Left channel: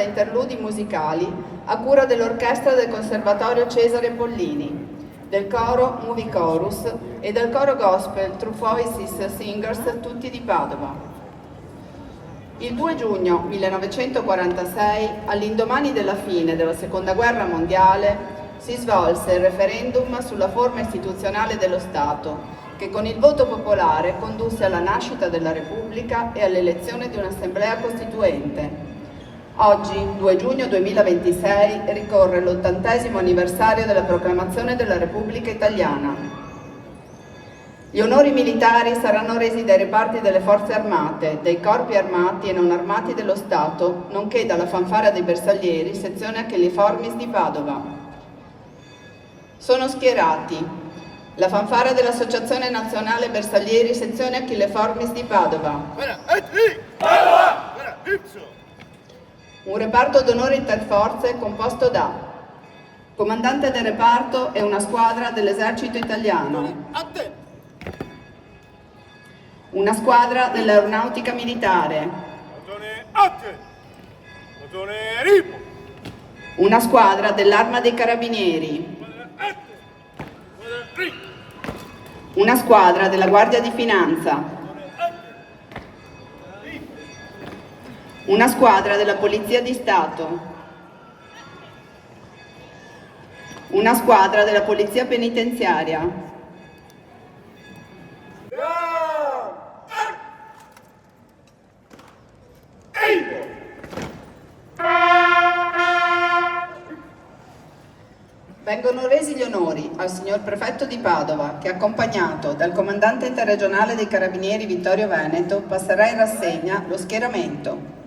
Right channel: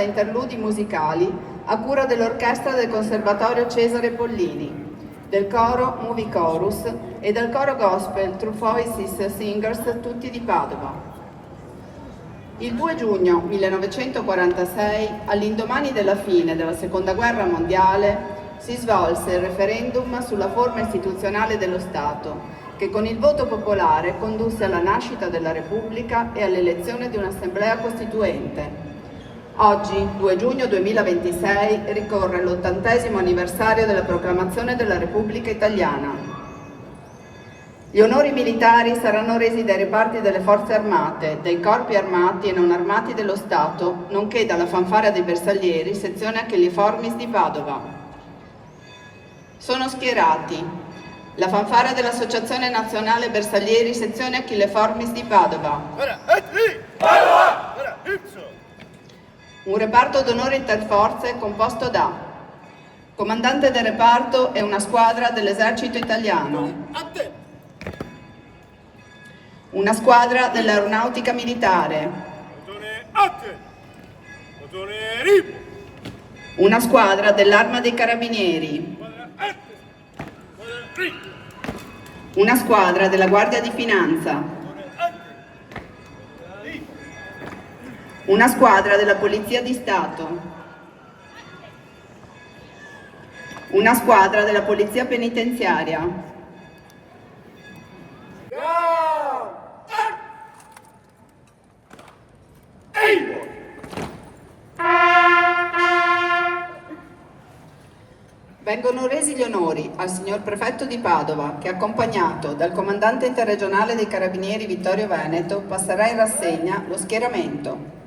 da interludi musicali a cura dell'orchestra del Conservatorio Cesare Pollini, del coro Movie Chorus e del coro gospel True Voices Singers, tutti di Padova. Il 2 giugno 1946, all'indomani della fine della Seconda Guerra Mondiale, si svolse il referendum sulla forma istituzionale dello Stato, che con il voto popolare condusse alla nascita della Repubblica e all'elezione di un'assemblea costituente. Oggi, 2 giugno 2026, ricorre l'80° anniversario della proclamazione della Repubblica Italiana. Gli onori militari saranno resi dai reparti delle forze armate, dai corpi armati e non armati dello Stato, nonché dalla fanfara dei bersaglieri, sezione Achilleformis di Padova. Sono schierati la fanfara dell'Associazione Nazionale Bersaglieri, sezione Achilleformis di Padova. Un reparto d'onore interforze composto da comandante del reparto e una squadra dell'esercito italiano, una squadra dell'aeronautica militare, una squadra dell'Arma dei Carabinieri, una squadra della Guardia di Finanza, una squadra della Polizia di Stato, una squadra della Polizia Penitenziaria, vengono resi gli onori al signor Prefetto di Padova che, accompagnato dal Comandante Interregionale dei Carabinieri Vittorio Veneto, passerà in rassegna lo schieramento.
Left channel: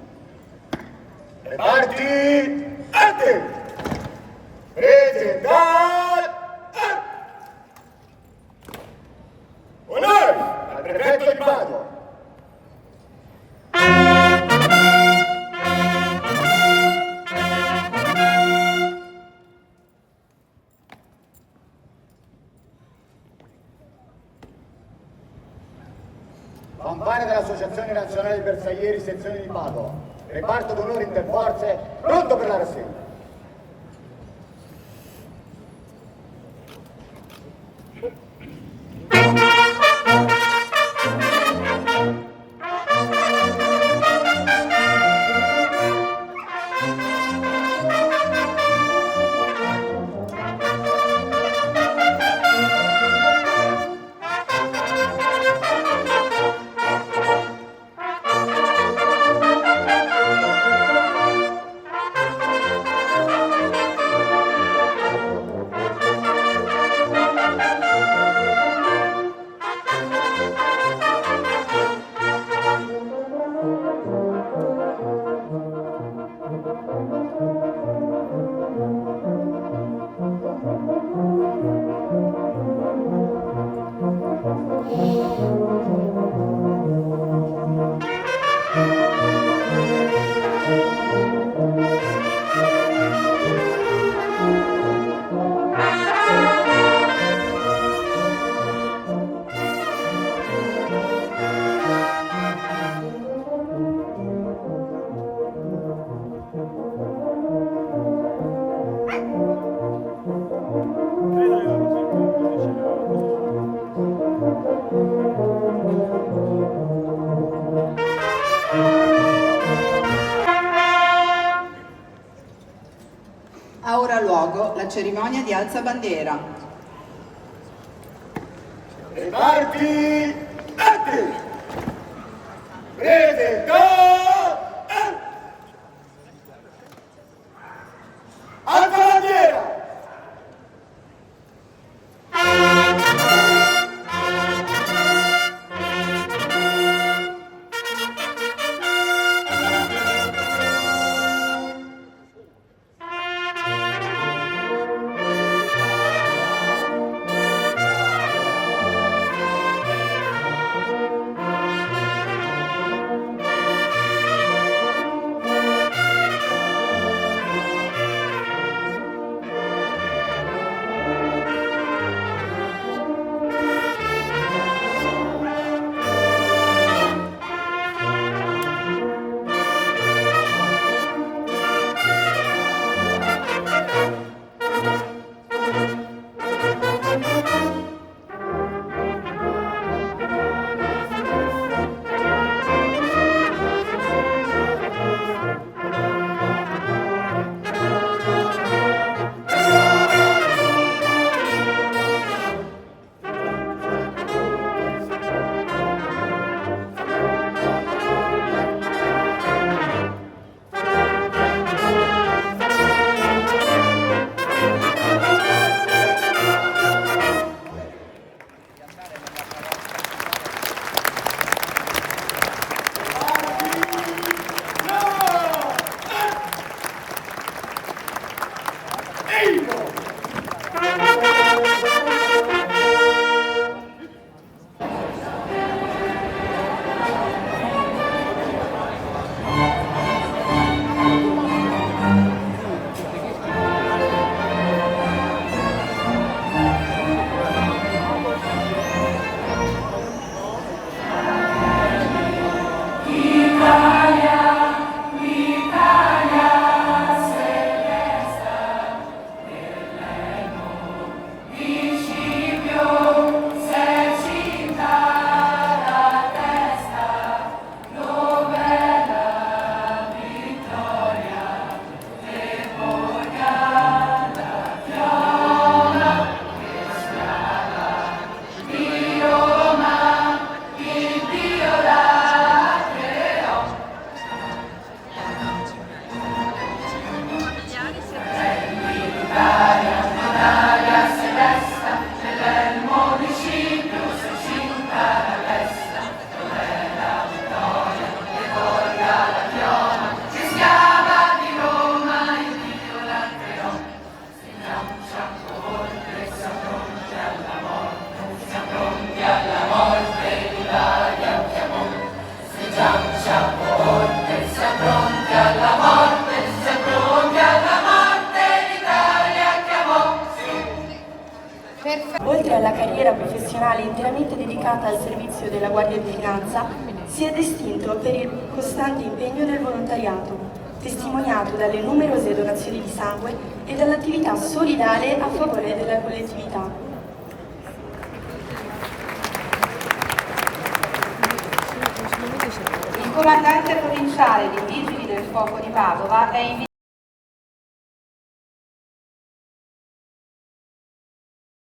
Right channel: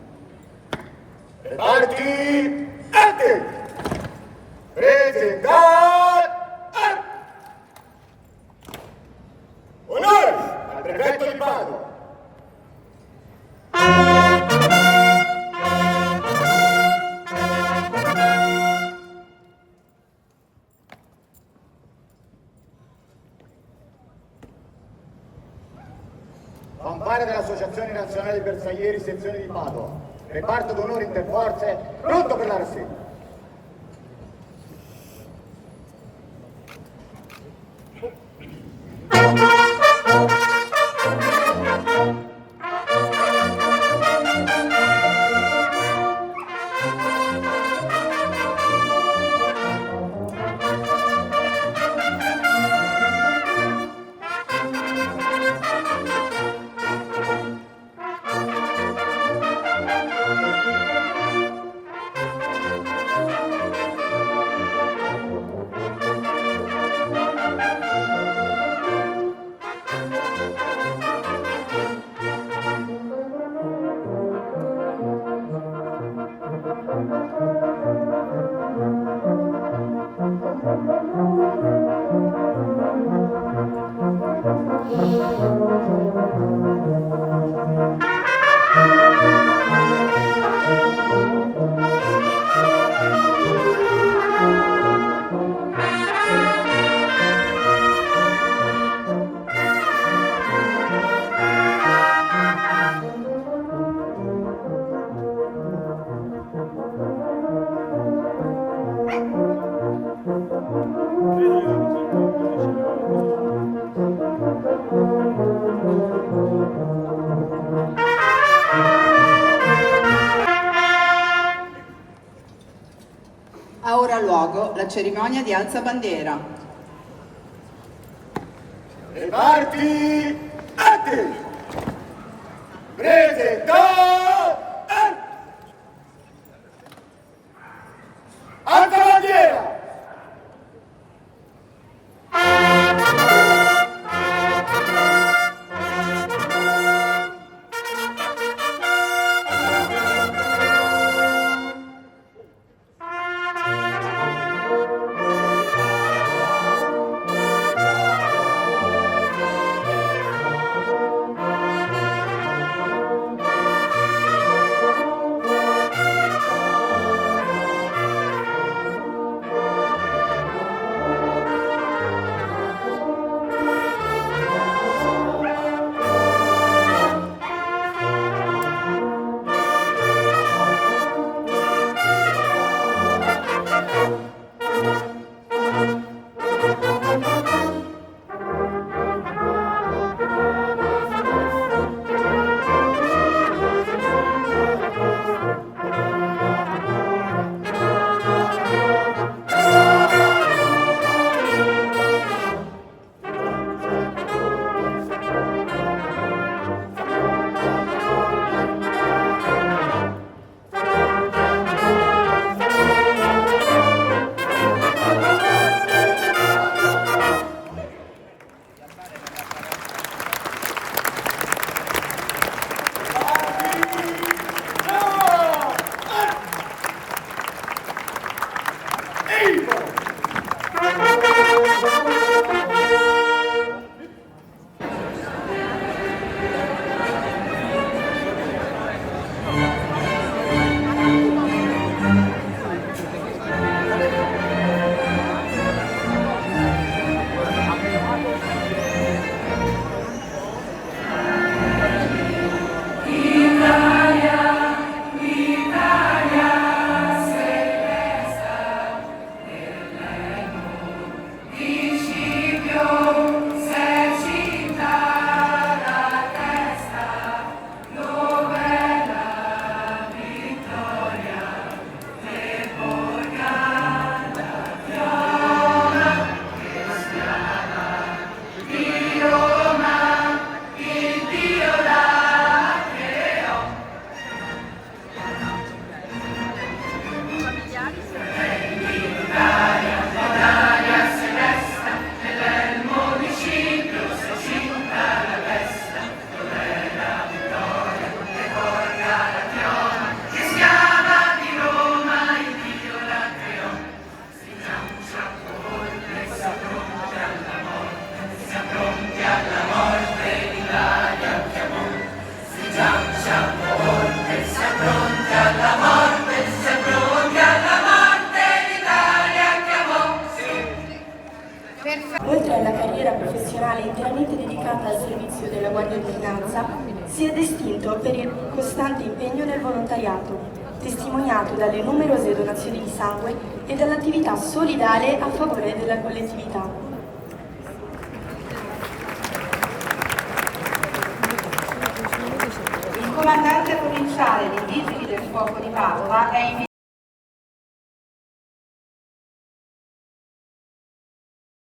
Reparti, arte! Prese dal onore al Prefetto di Padova. Fanfare dell'Associazione Nazionale Bersaglieri, sezione di Padova. Reparto d'onore interforze, pronto per la rassegna. Ha ora luogo la cerimonia di alzabandiera. Reparti, arte! Prese dal alza bandiera! Oltre alla carriera professionale interamente dedicata al servizio della Guardia di Finanza, si è distinto per il costante impegno nel volontariato, testimoniato dalle numerose donazioni di sangue e dall'attività solidale a favore della collettività. Il comandante provinciale dei Vigili del Fuoco di Padova è